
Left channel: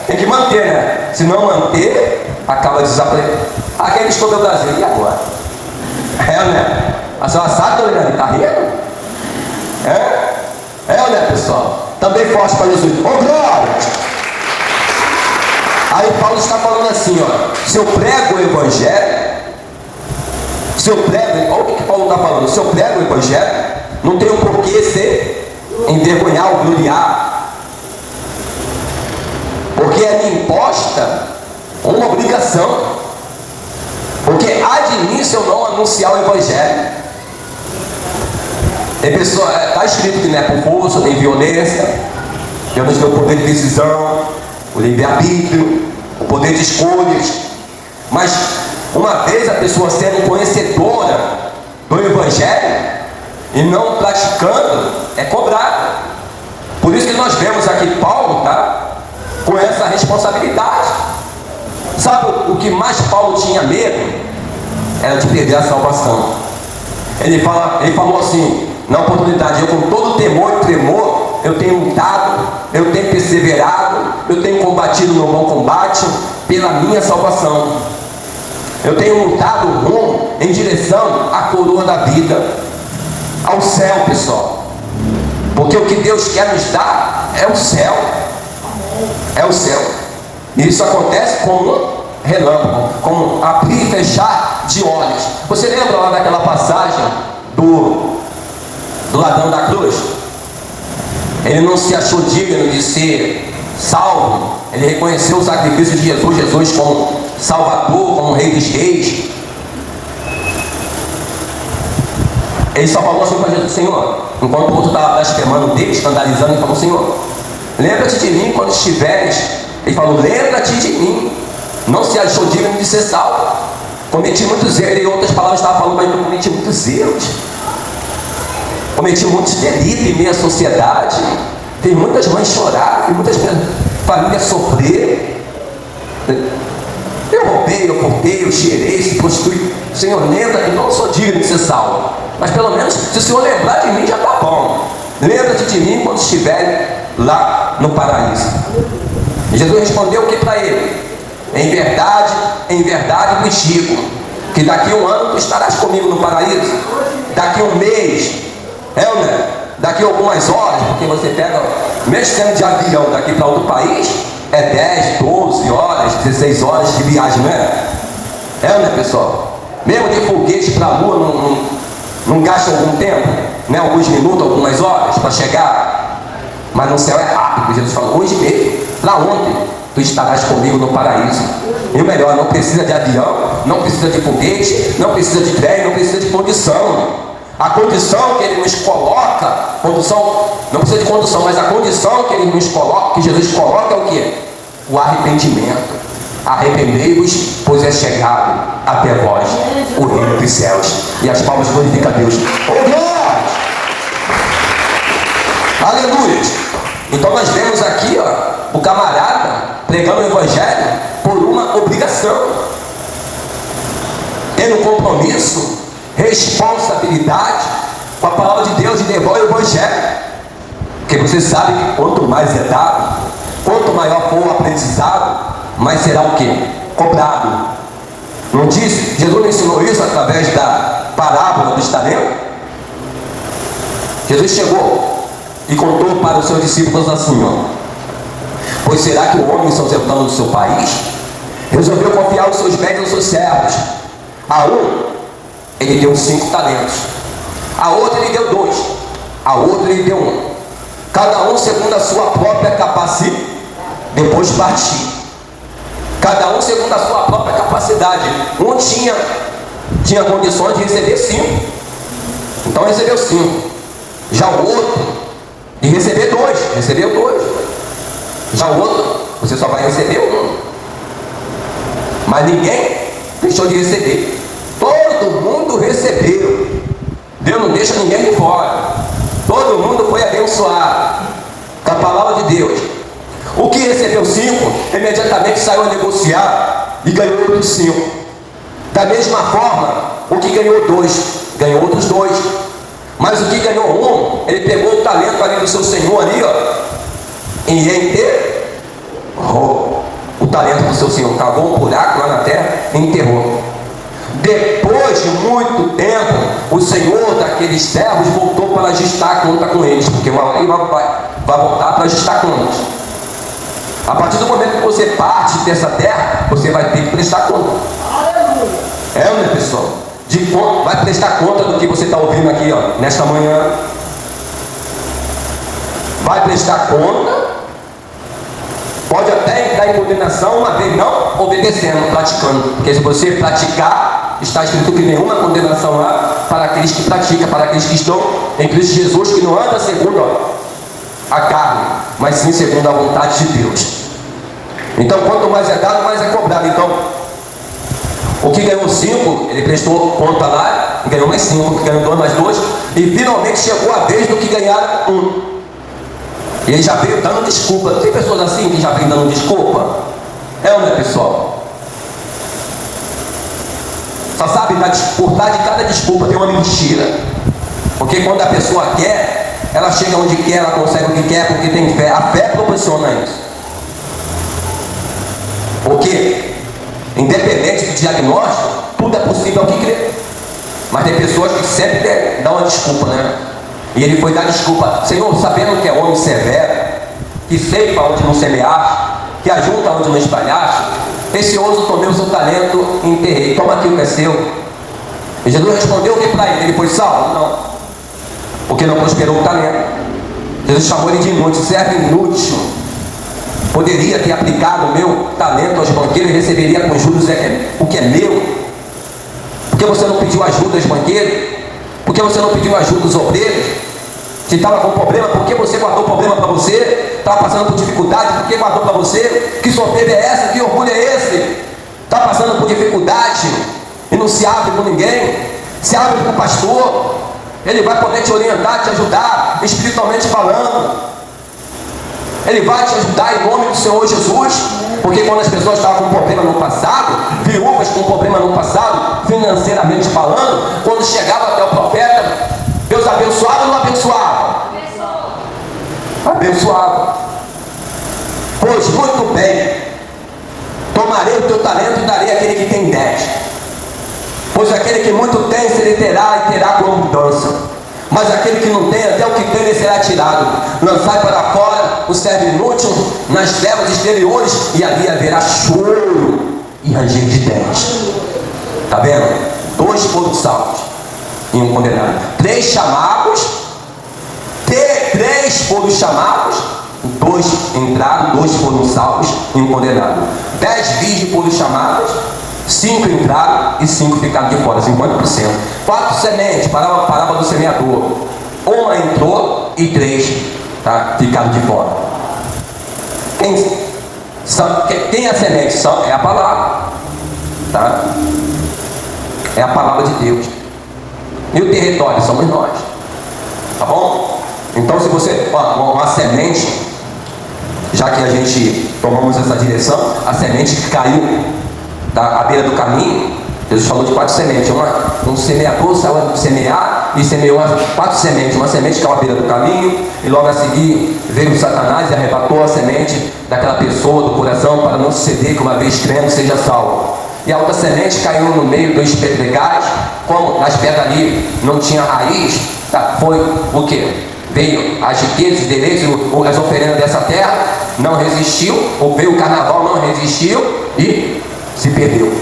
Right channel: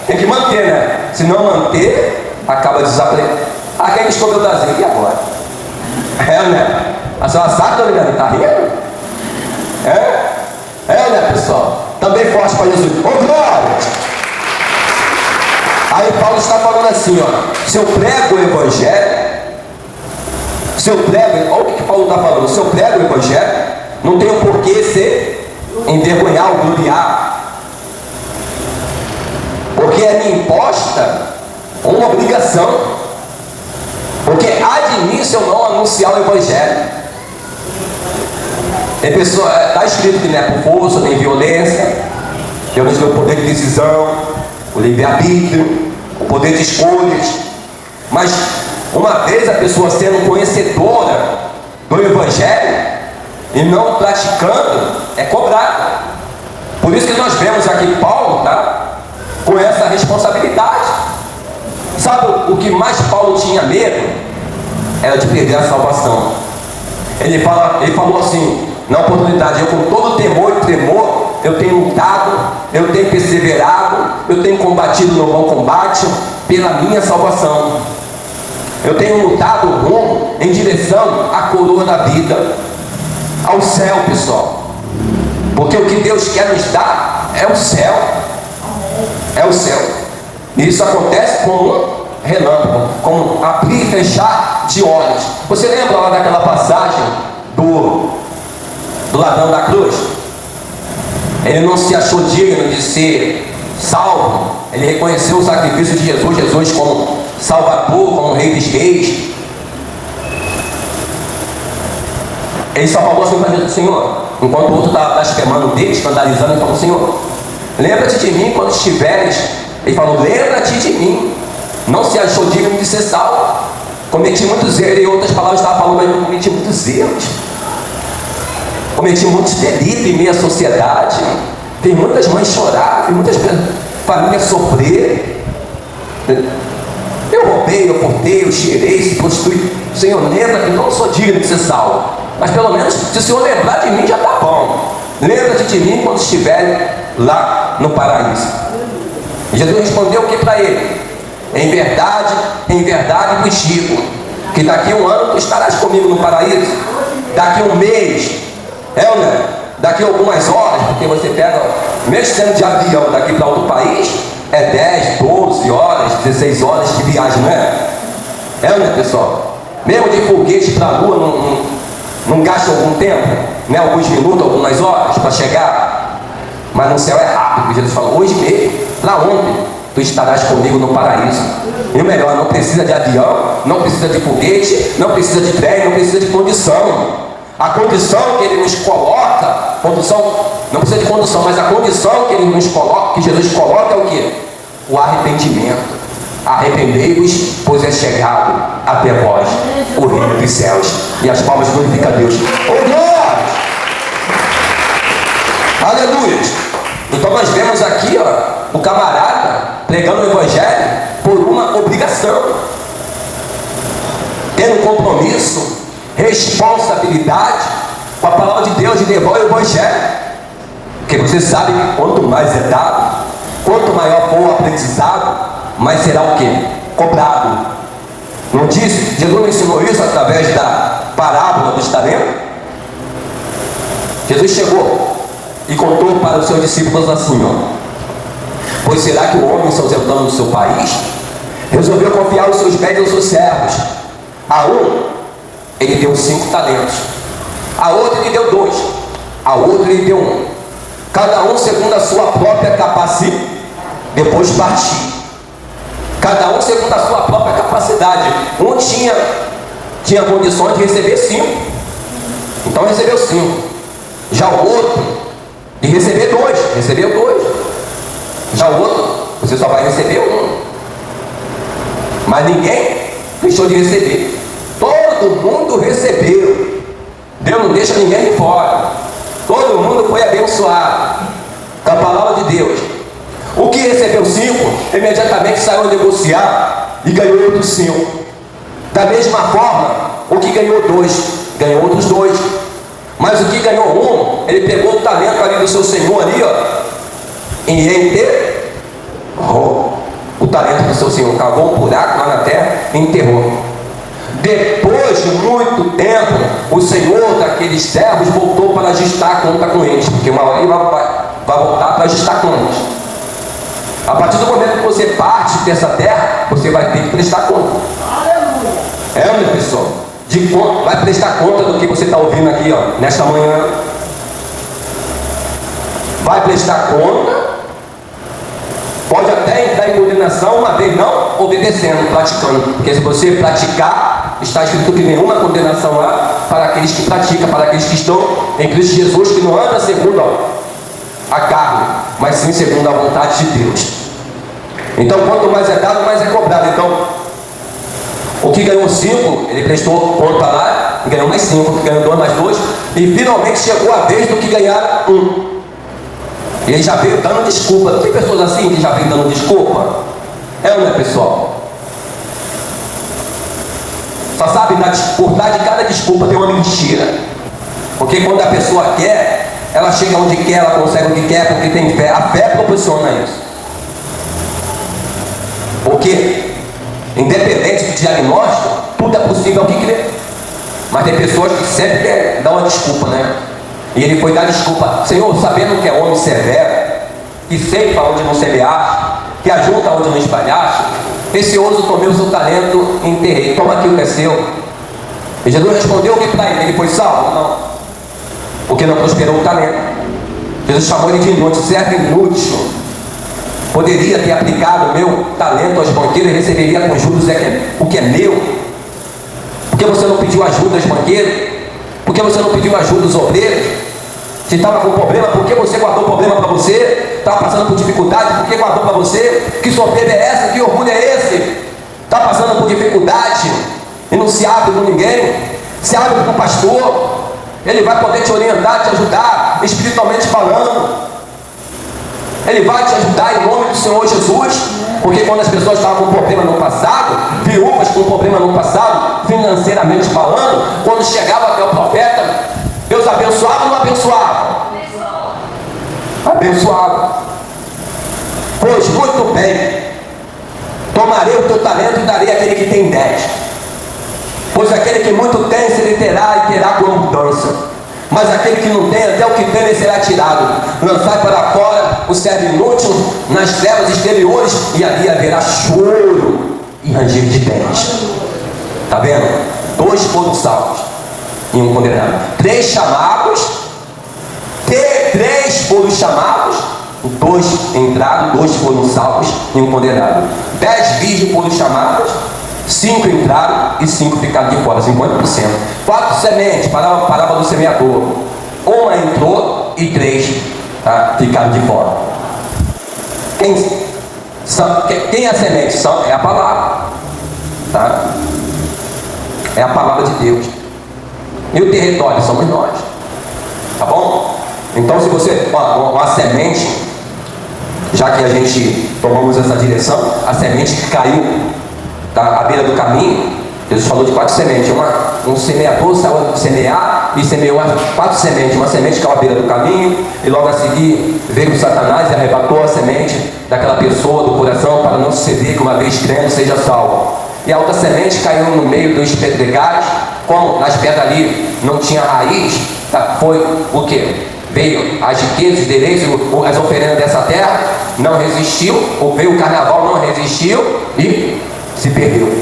Tem que manter, né? Se não manter, acaba desaprendendo. Ah, quem escolheu o Brasil? E agora? Né? A senhora sabe, dona Helena? Tá rindo? Né, pessoal? Também forte para Jesus. Ô, glória! Aí Paulo está falando assim, ó: se eu prego o Evangelho, Se eu prego, olha o que Paulo está falando, se eu prego o Evangelho, não tenho por que ser envergonhar ou gloriar, porque é me imposta uma obrigação, porque há de mim se eu não anunciar o Evangelho. Tem pessoa, está escrito que não é por força, nem violência, temos o poder de decisão, o livre-arbítrio, o poder de escolhas, mas uma vez a pessoa sendo conhecedora do Evangelho e não praticando, é cobrada. Por isso que nós vemos aqui Paulo, tá, com essa responsabilidade. Sabe o que mais Paulo tinha medo? Era de perder a salvação. Ele falou assim, na oportunidade, eu com todo temor e tremor, eu tenho lutado, eu tenho perseverado, eu tenho combatido no bom combate pela minha salvação. Eu tenho lutado rumo em direção à coroa da vida, ao céu, pessoal. Porque o que Deus quer nos dar é o céu. É o céu. E isso acontece como um relâmpago, como abrir e fechar de olhos. Você lembra lá daquela passagem do ladrão da cruz? Ele não se achou digno de ser salvo. Ele reconheceu o sacrifício de Jesus como Salvador, como Rei dos Reis. Ele só falou assim para Jesus: Senhor, enquanto o outro está blasfemando dele, escandalizando, ele falou: Senhor, lembra-te de mim quando estiveres. Ele falou: lembra-te de mim. Não se achou digno de ser salvo. Cometi muitos erros. Em outras palavras estava falando, mas eu cometi muitos erros. Cometi muitos delitos em meio à sociedade. Tem muitas mães chorar, tem muitas famílias sofrer. Eu roubei, eu cortei, eu cheirei, se prostituí. Senhor, lembra que eu não sou digno de ser salvo. Mas pelo menos, se o Senhor lembrar de mim, já está bom. Lembra-te de mim quando estiverem lá no paraíso. E Jesus respondeu o que para ele? Em verdade vos digo, que daqui a um ano tu estarás comigo no paraíso. Daqui a um mês, daqui a algumas horas, porque você pega, mesmo sendo de avião daqui para outro país, é 10, 12 horas, 16 horas de viagem, não é? Pessoal? Mesmo de foguete para a lua, não gasta algum tempo, né? Alguns minutos, algumas horas para chegar, mas no céu é rápido. Jesus falou: hoje mesmo, lá ontem, tu estarás comigo no paraíso. E o melhor, não precisa de avião, não precisa de foguete, não precisa de trem, não precisa de condição. A condição que ele nos coloca, não precisa de condição, mas a condição que ele nos coloca, que Jesus coloca, é o que? O arrependimento. Arrependei-vos, pois é chegado até vós o reino dos céus. E as palmas glorificam a Deus. Oh, glória! Aleluia! Então nós vemos aqui, o camarada pregando o Evangelho por uma obrigação, tendo compromisso, responsabilidade com a palavra de Deus, de levar o Evangelho. Porque você sabe que quanto mais é dado, quanto maior for o aprendizado, mais será o que? Cobrado. Não disse? Jesus ensinou isso através da parábola dos talentos. Jesus chegou e contou para os seus discípulos assim: pois será que o homem, se ausentando do seu país, resolveu confiar os seus bens aos seus servos? A um ele deu 5 talentos, a outro ele deu 2, a outro ele deu 1, cada um segundo a sua própria capacidade. Depois partiu, cada um segundo a sua própria capacidade. Um tinha condições de receber 5, então recebeu 5. Já o outro de receber 2, recebeu 2. Já o outro, você só vai receber 1. Mas ninguém deixou de receber. Todo mundo recebeu. Deus não deixa ninguém de fora. Todo mundo foi abençoado com a palavra de Deus. O que recebeu 5, imediatamente saiu a negociar e ganhou outros 5. Da mesma forma, o que ganhou 2, ganhou outros 2. Mas o que ganhou 1, ele pegou o talento ali do seu Senhor ali, e enterrou o talento do seu Senhor, cavou um buraco lá na terra e enterrou. Depois de muito tempo, o Senhor daqueles servos voltou para ajustar a conta com eles, porque uma hora ele vai voltar para ajustar contas. A partir do momento que você parte dessa terra, você vai ter que prestar conta. Aleluia! Meu pessoal, vai prestar conta do que você está ouvindo aqui, ó, nesta manhã. Vai prestar conta. Pode até entrar em condenação, uma vez não obedecendo, praticando. Porque se você praticar, está escrito que nenhuma condenação há para aqueles que praticam, para aqueles que estão em Cristo Jesus, que não anda segundo a carne, mas sim segundo a vontade de Deus. Então, quanto mais é dado, mais é cobrado. Então, o que ganhou 5, ele prestou conta lá, e ganhou mais 5, o que ganhou 2 mais 2, e finalmente chegou a vez do que ganharam 1. E ele já veio dando desculpa. Não tem pessoas assim que já vêm dando desculpa? É ou não é, pessoal? Só sabe, por trás de cada desculpa tem uma mentira. Porque quando a pessoa quer, ela chega onde quer, ela consegue o que quer, porque tem fé. A fé proporciona isso. Porque, independente do diagnóstico, tudo é possível ao que crer. Mas tem pessoas que sempre dão uma desculpa, né? E ele foi dar desculpa: Senhor, sabendo que é homem severo, que ceifa onde não semeaste, que ajunta onde não espalhaste, precioso tomei o seu talento e enterrei. Toma aqui o que é seu. E Jesus respondeu o que para ele? Ele foi salvo? Não. Porque não prosperou o talento. Jesus chamou ele de inútil, servo inútil. Poderia ter aplicado o meu talento aos banqueiros e receberia com juros o que é meu. Por que você não pediu ajuda aos banqueiros? Por que você não pediu ajuda aos obreiros? Se estava com problema, por que você guardou problema para você? Estava passando por dificuldade, por que guardou para você? Que soberba é essa? Que orgulho é esse? Está passando por dificuldade e não se abre com ninguém? Se abre com o pastor, ele vai poder te orientar, te ajudar, espiritualmente falando. Ele vai te ajudar em nome do Senhor Jesus. Porque quando as pessoas estavam com problema no passado, viúvas com problema no passado, financeiramente falando, quando chegava até o profeta, Deus abençoava ou não abençoava? Abençoava. Pois muito bem, tomarei o teu talento e darei àquele que tem 10. Pois aquele que muito tem, se ele terá e terá com abundância. Mas aquele que não tem, até o que tem, ele será tirado. Lançai para fora o servo inútil nas trevas exteriores, e ali haverá choro e ranger de dentes. Está vendo? 2 foram salvos e 1 condenado. 3 chamados, 3 foram chamados, 2 entraram, 2 foram salvos e 1 condenado. 10 virgens foram chamadas, 5 entraram e 5 ficaram de fora, 50%. 4 sementes, parábola do semeador. 1 entrou e 3 ficaram de fora. Quem é a semente? É a palavra. Tá? É a palavra de Deus. E o território somos nós. Tá bom? Então, se você, uma semente, já que a gente tomamos essa direção, a semente que caiu à beira do caminho, Jesus falou de 4 sementes. Um semeador saiu a semear e semeou 4 sementes. Uma semente caiu à beira do caminho, e logo a seguir veio Satanás e arrebatou a semente daquela pessoa do coração, para não suceder que uma vez crendo seja salvo. E a outra semente caiu no meio dos pedregais. Como nas pedras ali não tinha raiz, foi o que? Veio as riquezas, deleites, as oferendas dessa terra, não resistiu, ou veio o carnaval, não resistiu e se perdeu.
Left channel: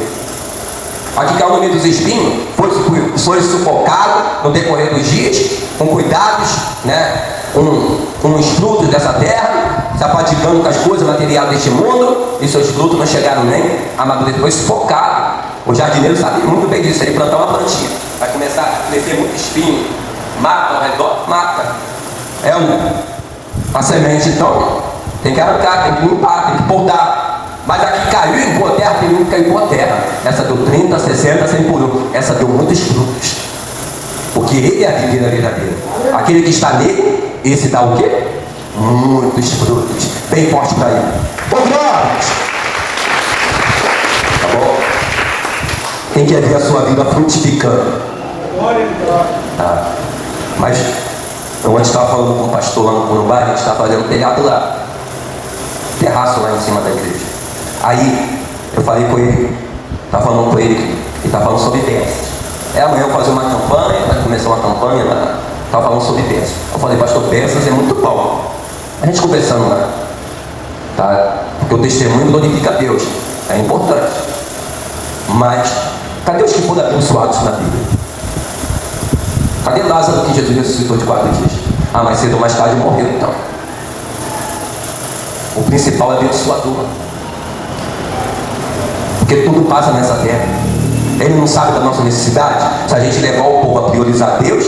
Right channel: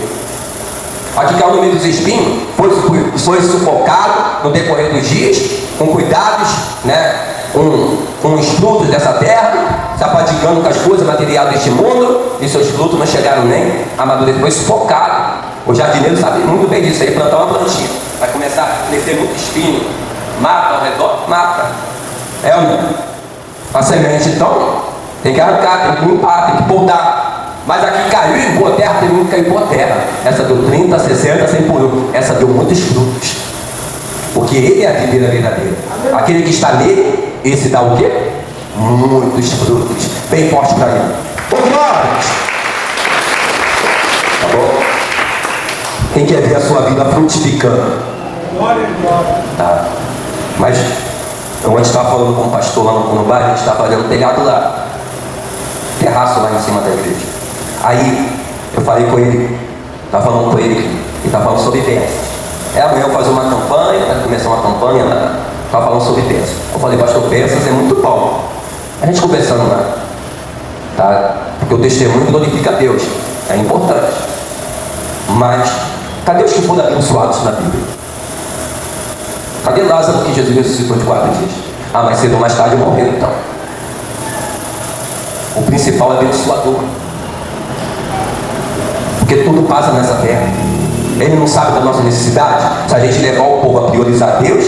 Aqui caiu no meio dos espinhos, foi sufocado no decorrer dos dias, com cuidados, né, com os frutos dessa terra, sapaticando com as coisas materiais deste mundo, e seus frutos não chegaram nem a amadurecer, foi sufocado. O jardineiro sabe muito bem disso. Aí plantar uma plantinha, vai começar a crescer muito espinho, mata ao redor, mata. É uma semente, então tem que arrancar, tem que limpar, tem que podar. Mas aqui caiu em boa terra, tem muito que cair em boa terra. Essa deu 30, 60, 100 por 1. Essa deu muitos frutos. Porque ele é a videira verdadeira. Aquele que está nele, esse dá o quê? Muitos frutos. Bem forte para ele. Ô glória! Tá bom? Quem quer ver a sua vida frutificando? Tá. Mas eu antes estava falando com um pastor lá no bairro, a gente estava fazendo telhado lá, terraço lá em cima da igreja. Aí eu falei com ele, estava falando com ele, e estava falando sobre peças. Amanhã eu fazer uma campanha, vai começar uma campanha lá, estava falando sobre peças. Eu falei, pastor, peças é muito bom. A gente conversando lá, tá? Porque o testemunho glorifica a Deus, é importante. Mas Cadê os que foram abençoados na Bíblia? Cadê Lázaro que Jesus ressuscitou de 4 dias? Ah, mas cedo ou mais tarde morreu então. O principal é abençoador. Porque tudo passa nessa terra. Ele não sabe da nossa necessidade. Se a gente levar o povo a priorizar Deus,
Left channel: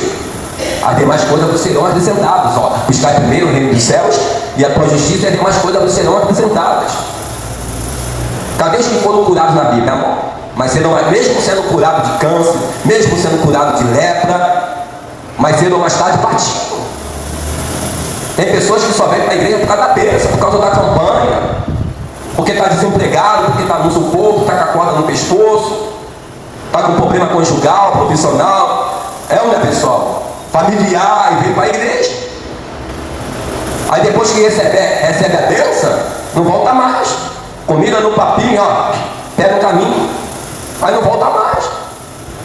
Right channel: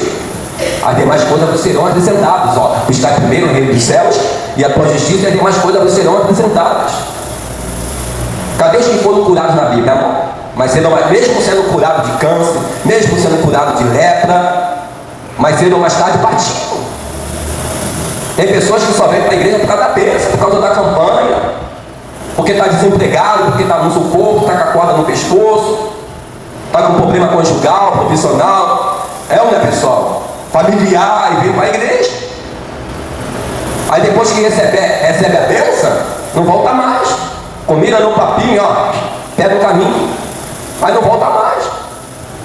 as demais coisas vos serão acrescentadas. Está primeiro o reino dos céus e a tua justiça e as demais coisas vos serão acrescentadas. Cadê os que foram curados na Bíblia, amor? Mas cedo ou mais, mesmo sendo curado de câncer, mesmo sendo curado de lepra, mas cedo ou mais tarde partiram. Tem pessoas que só vêm para a igreja por causa da bênção, por causa da campanha, porque está desempregado, porque está no sufoco, está com a corda no pescoço, está com problema conjugal, profissional. É ou não é, pessoal? Familiar, e vem para a igreja. Aí depois que recebe a bênção, não volta mais. Comida no papinho, pega o caminho, mas não volta mais.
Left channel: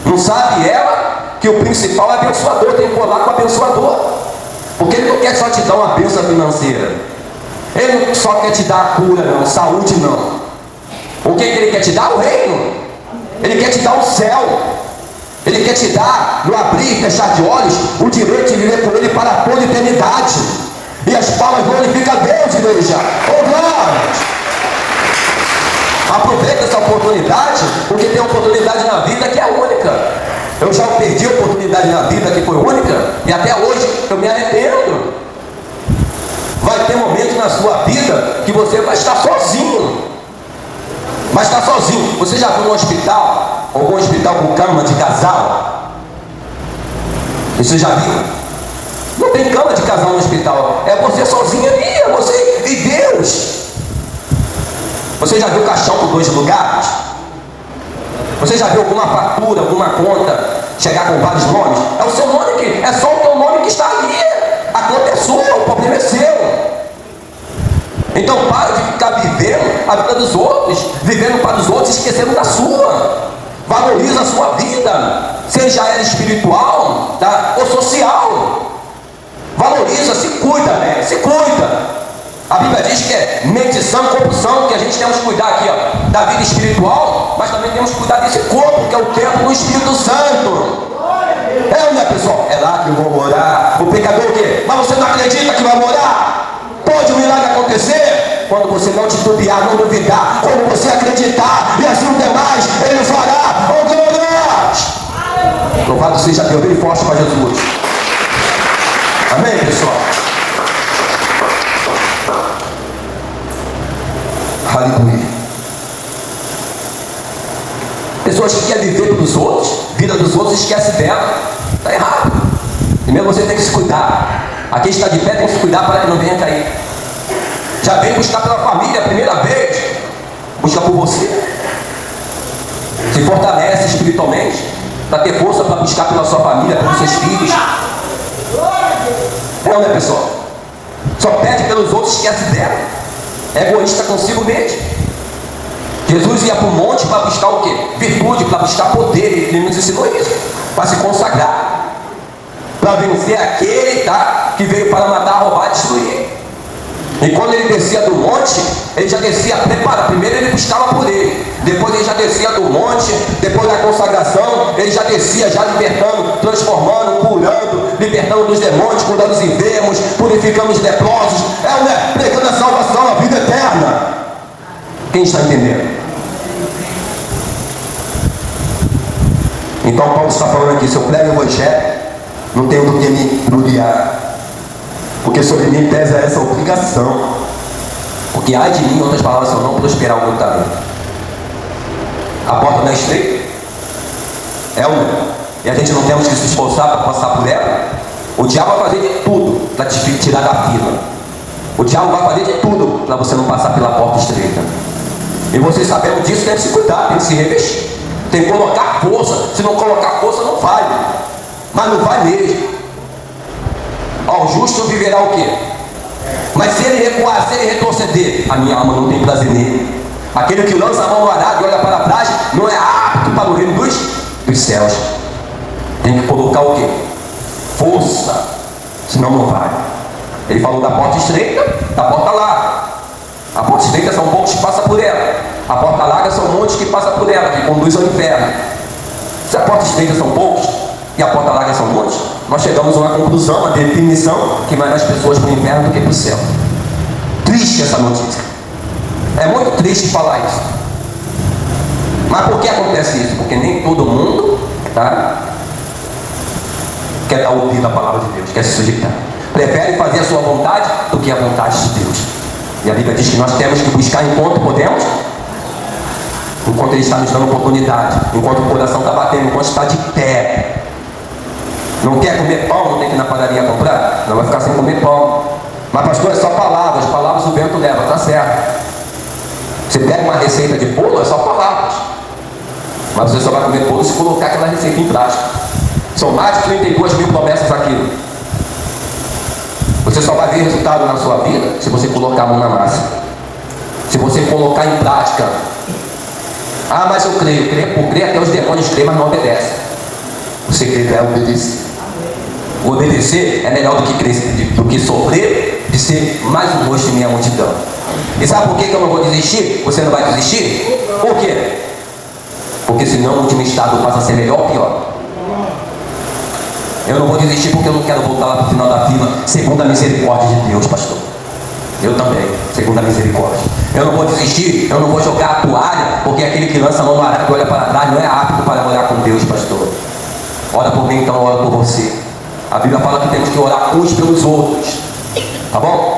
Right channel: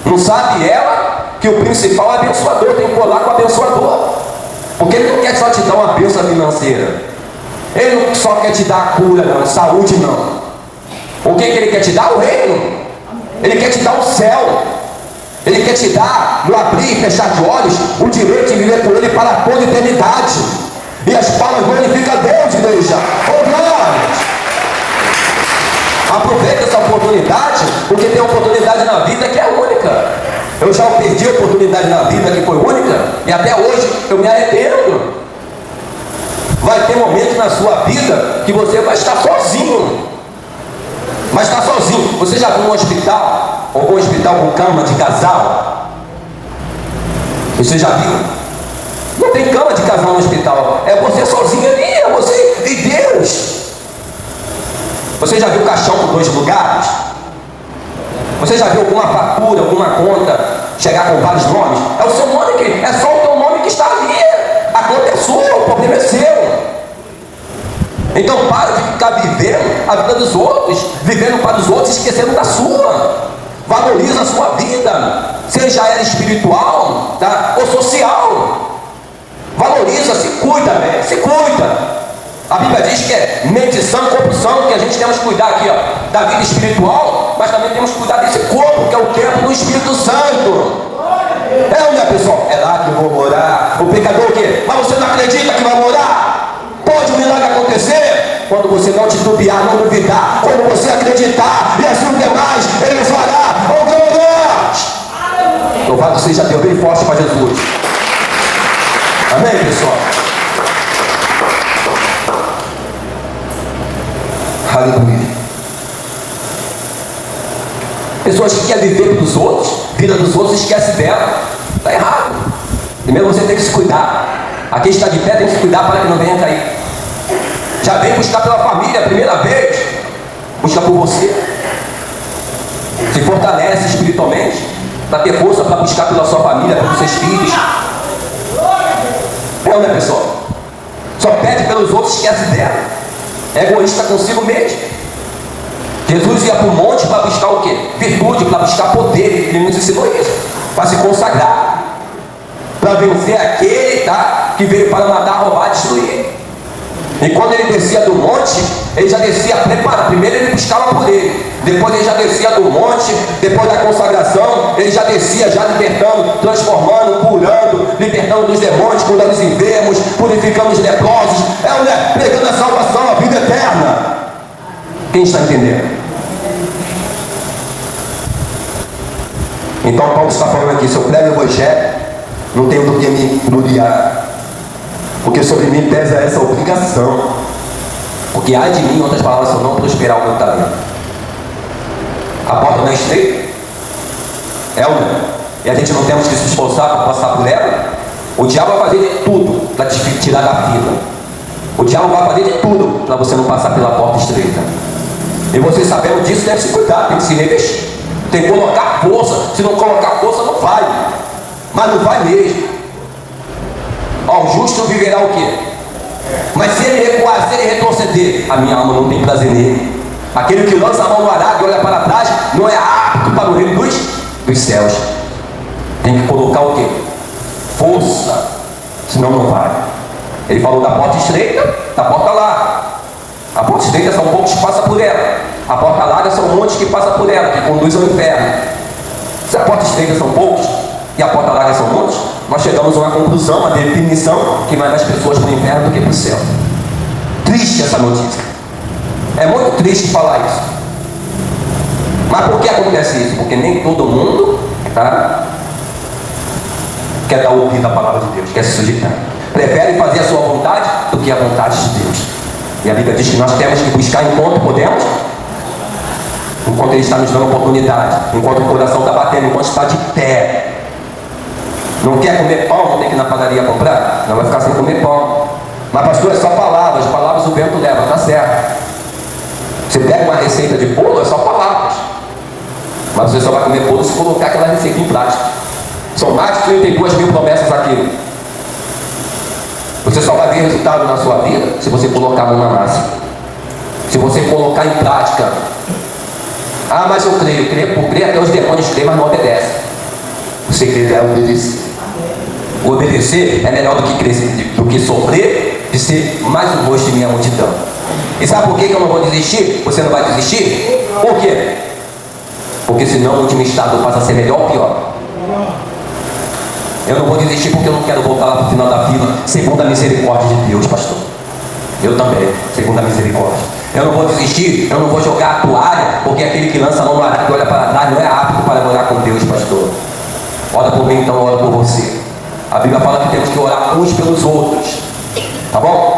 Não sabe ela que o principal é abençoador, tem que colar com o abençoador. Porque ele não quer só te dar uma bênção financeira. Ele não só quer te dar a cura, não, saúde não. O que ele quer te dar? O reino. Ele quer te dar o céu. Ele quer te dar, no abrir e fechar de olhos, o direito de viver com ele para toda a eternidade. E as palmas glorificam a Deus, igreja. Oh, glória! Aproveita essa oportunidade, porque tem oportunidade na vida que é única. Eu já perdi a oportunidade na vida que foi única, e até hoje eu me arrependo. Vai ter momentos na sua vida que você vai estar sozinho. Vai estar sozinho. Você já viu um hospital, algum hospital com cama de casal? Você já viu? Não tem cama de casal no hospital. É você sozinho ali, é você e Deus. Você já viu caixão com 2 lugares? Você já viu alguma fatura, alguma conta chegar com vários nomes? É o seu nome que é só o teu nome que está ali. A conta é sua, o problema é seu. Então para de ficar vivendo a vida dos outros, vivendo para os outros, esquecendo da sua. Valoriza a sua vida, seja ela espiritual, tá? Ou social. Valoriza, se cuida, né? Se cuida. A Bíblia diz que é medição, corrupção, que a gente temos que cuidar aqui, da vida espiritual, mas também temos que cuidar desse corpo, que é o templo do Espírito Santo. É, né, pessoal? É lá que eu vou morar. O pecador o quê? Mas você não acredita que vai morar? Pode o milagre acontecer? Quando você não titubear, não duvidar, quando você acreditar, e assim o demais, ele fará. Oh, glória! Louvado seja Deus, bem forte para Jesus. Amém, pessoal? Aleluia. Pessoas que querem viver pelos outros, vida dos outros, esquece dela. Está errado. Primeiro você tem que se cuidar. Aqui está de pé, tem que se cuidar para que não venha cair. Já vem buscar pela família a primeira vez. Busca por você. Se fortalece espiritualmente, para ter força para buscar pela sua família, pelos seus filhos. Não, né, pessoal? Só pede pelos outros, esquece dela. É egoísta consigo mesmo. Jesus ia para o monte para buscar o quê? Virtude, para buscar poder. Ele nos ensinou isso. Para se consagrar. Para vencer aquele, tá, que veio para matar, roubar, destruir. E quando ele descia do monte, ele já descia preparado. Primeiro ele buscava por ele. Depois ele já descia do monte. Depois da consagração, ele já descia, já libertando, transformando, curando, libertando dos demônios, curando os enfermos, purificando os leprosos. Pregando a salvação, a vida eterna. Quem está entendendo? Então Paulo está falando aqui, se eu prego o evangelho, não tenho do que me gloriar. Porque sobre mim pesa essa obrigação. Porque há de mim, em outras palavras, se eu não prosperar o meu talento. A porta não é estreita? É ou não é? E a gente não temos que se esforçar para passar por ela? O diabo vai fazer de tudo para te tirar da fila. O diabo vai fazer de tudo para você não passar pela porta estreita. E você sabendo disso, deve se cuidar, tem que se revestir. Tem que colocar força. Se não colocar força, não vai. Mas não vai mesmo. Ó, o justo viverá o quê? Mas se ele recuar, se ele retroceder, a minha alma não tem prazer nele. Aquele que lança a mão no arado e olha para trás, não é apto para o reino dos céus. Tem que colocar o quê? Força. Senão não vai. Ele falou da porta estreita, da porta larga. A porta estreita são poucos que passam por ela. A porta larga são muitos que passam por ela, que conduzem ao inferno. Se a porta estreita são poucos e a porta larga são muitos, nós chegamos a uma conclusão, uma definição que vai mais pessoas para o inferno do que para o céu. Triste essa notícia. É muito triste falar isso. Mas por que acontece isso? Porque nem todo mundo quer dar ouvido à palavra de Deus, quer se sujeitar. Prefere fazer a sua vontade do que a vontade de Deus. E a Bíblia diz que nós temos que buscar enquanto podemos, enquanto Ele está nos dando oportunidade, enquanto o coração está batendo, enquanto está de pé. Não quer comer pão, não tem que ir na padaria comprar? Não vai ficar sem comer pão. Mas pastor, é só palavras, palavras o vento leva, tá certo. Você pega uma receita de bolo, é só palavras. Mas você só vai comer bolo se colocar aquela receita em prática. São mais de 32 mil promessas aqui. Você só vai ver resultado na sua vida se você colocar a mão na massa. Se você colocar em prática. Ah, mas eu creio. Por crer até os demônios creem, mas não obedecem. Você crê é obedecer. Obedecer é melhor do que sofrer de ser mais um rosto em minha multidão. E sabe por que eu não vou desistir? Você não vai desistir? Por quê? Porque senão o último estado passa a ser melhor ou pior. Eu não vou desistir porque eu não quero voltar lá para o final da fila, segundo a misericórdia de Deus, pastor. Eu também, segundo a misericórdia. Eu não vou desistir, eu não vou jogar a toalha, porque aquele que lança a mão no arado e olha para trás não é apto para olhar com Deus, pastor. Ora por mim, então ora por você. A Bíblia fala que temos que orar uns pelos outros. Tá bom?